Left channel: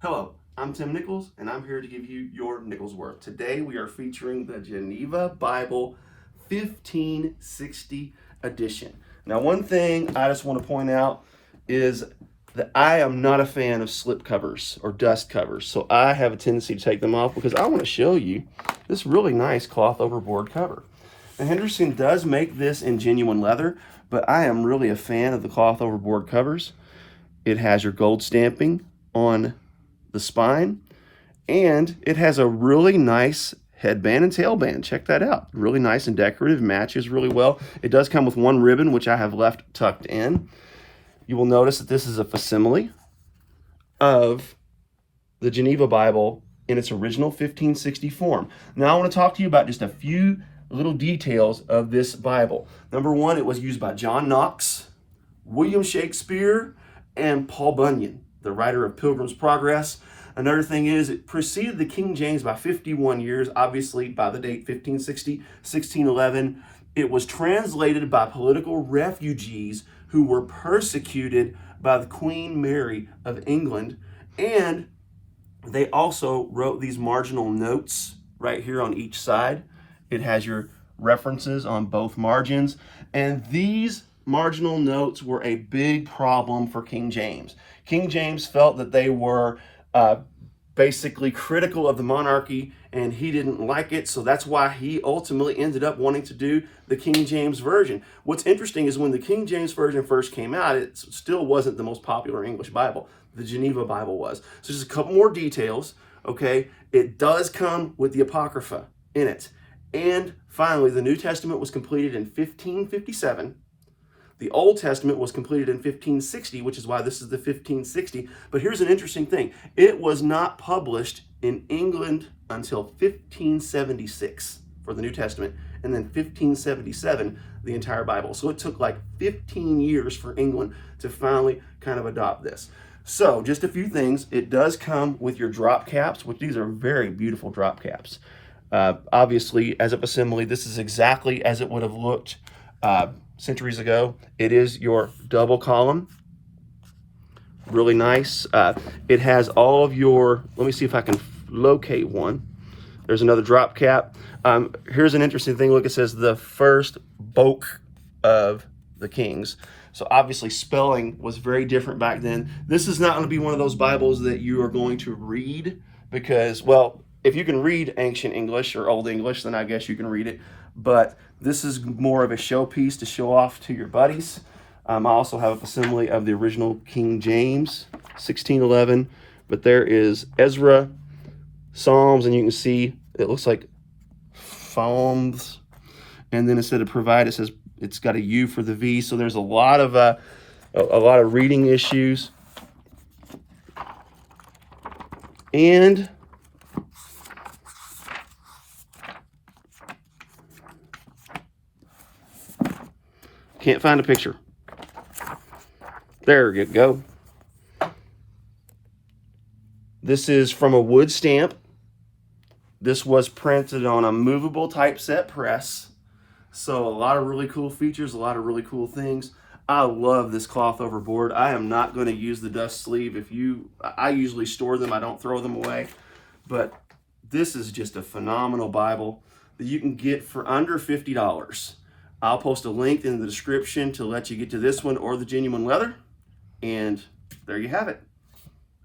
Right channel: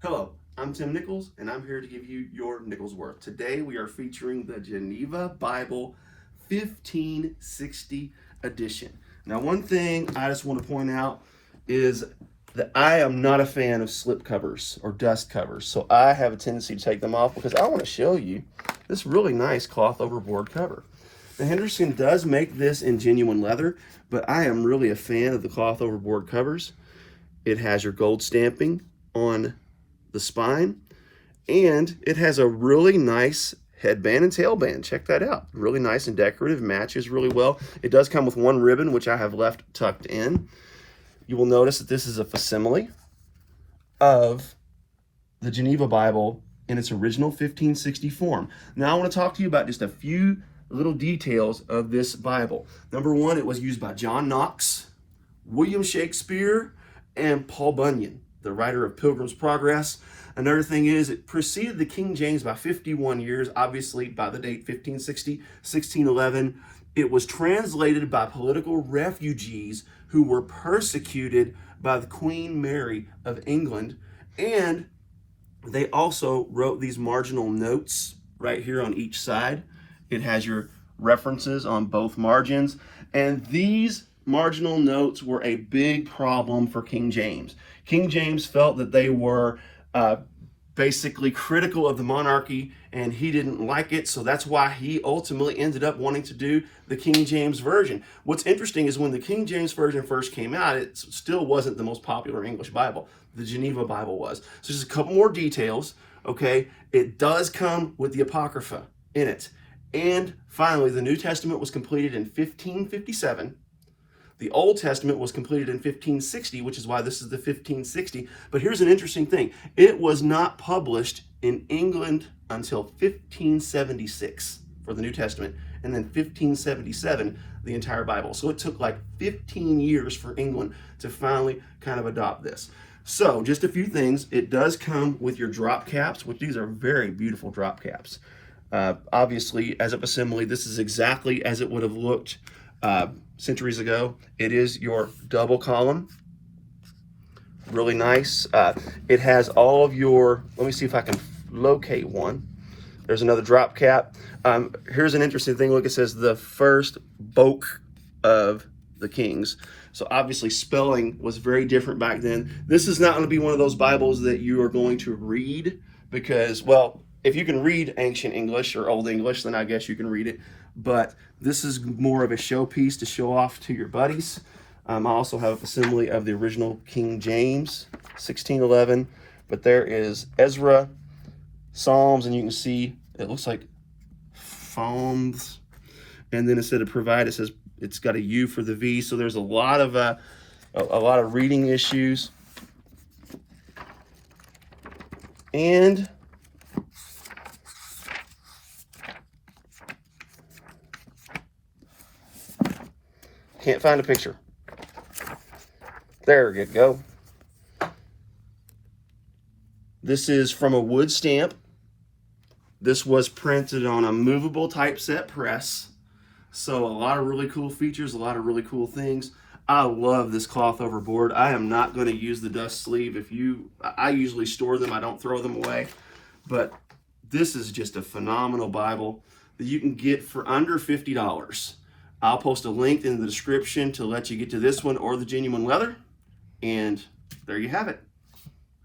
Hello, I'm Tim Nichols, and I'm here to give you your Nichols worth. Today we are featuring the Geneva Bible 1560 edition. Now, one thing I just want to point out is that I am not a fan of slip covers or dust covers, so I have a tendency to take them off because I want to show you this really nice cloth overboard cover. Now, Henderson does make this in genuine leather, but I am really a fan of the cloth overboard covers. It has your gold stamping on the spine, and it has a really nice headband and tailband. Check that out. Really nice and decorative, matches really well. It does come with one ribbon, which I have left tucked in. You will notice that this is a facsimile of the Geneva Bible in its original 1560 form. Now I want to talk to you about just a few little details of this Bible. Number one, it was used by John Knox, William Shakespeare, and Paul Bunyan, the writer of Pilgrim's Progress. Another thing is it preceded the King James by 51 years, obviously by the date 1560, 1611. It was translated by political refugees who were persecuted by the Queen Mary of England. And they also wrote these marginal notes right here on each side. It has your references on both margins. And these marginal notes were a big problem for King James. King James felt that they were basically critical of the monarchy, and he didn't like it, so that's why he ultimately ended up wanting to do the King James Version. What's interesting is when the King James Version first came out, it still wasn't the most popular English Bible. The Geneva Bible was. So just a couple more details, okay? It does come with the Apocrypha in it. And finally, the New Testament was completed in 1557. The Old Testament was completed in 1560, which is why this is the 1560. But here's an interesting thing. It was not published in England until 1576 for the New Testament, and then 1577, the entire Bible. So it took like 15 years for England to finally kind of adopt this. So just a few things. It does come with your drop caps, which these are very beautiful drop caps. Obviously, as a facsimile, this is exactly as it would have looked centuries ago. It is your double column, really nice. It has all of your, let me see if I can locate one. There's another drop cap. Here's an interesting thing. Look, it says the first book of the kings. So obviously spelling was very different back then. This is not going to be one of those Bibles that you are going to read because, well, if you can read ancient English or Old English, then I guess you can read it. But this is more of a showpiece to show off to your buddies. I also have a facsimile of the original King James, 1611. But there is Ezra, Psalms, and you can see it looks like Psalms. And then instead of provide, it says it's got a U for the V. So there's a lot of reading issues. And can't find a picture. There you go. This is from a wood stamp. This was printed on a movable typeset press. So a lot of really cool features, a lot of really cool things. I love this cloth overboard. I am not going to use the dust sleeve. I usually store them. I don't throw them away. But this is just a phenomenal Bible that you can get for under $50. I'll post a link in the description to let you get to this one or the genuine leather. And there you have it.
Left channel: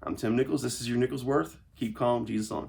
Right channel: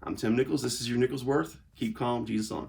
I'm Tim Nichols. This is your Nichols Worth. Keep calm, Jesus on.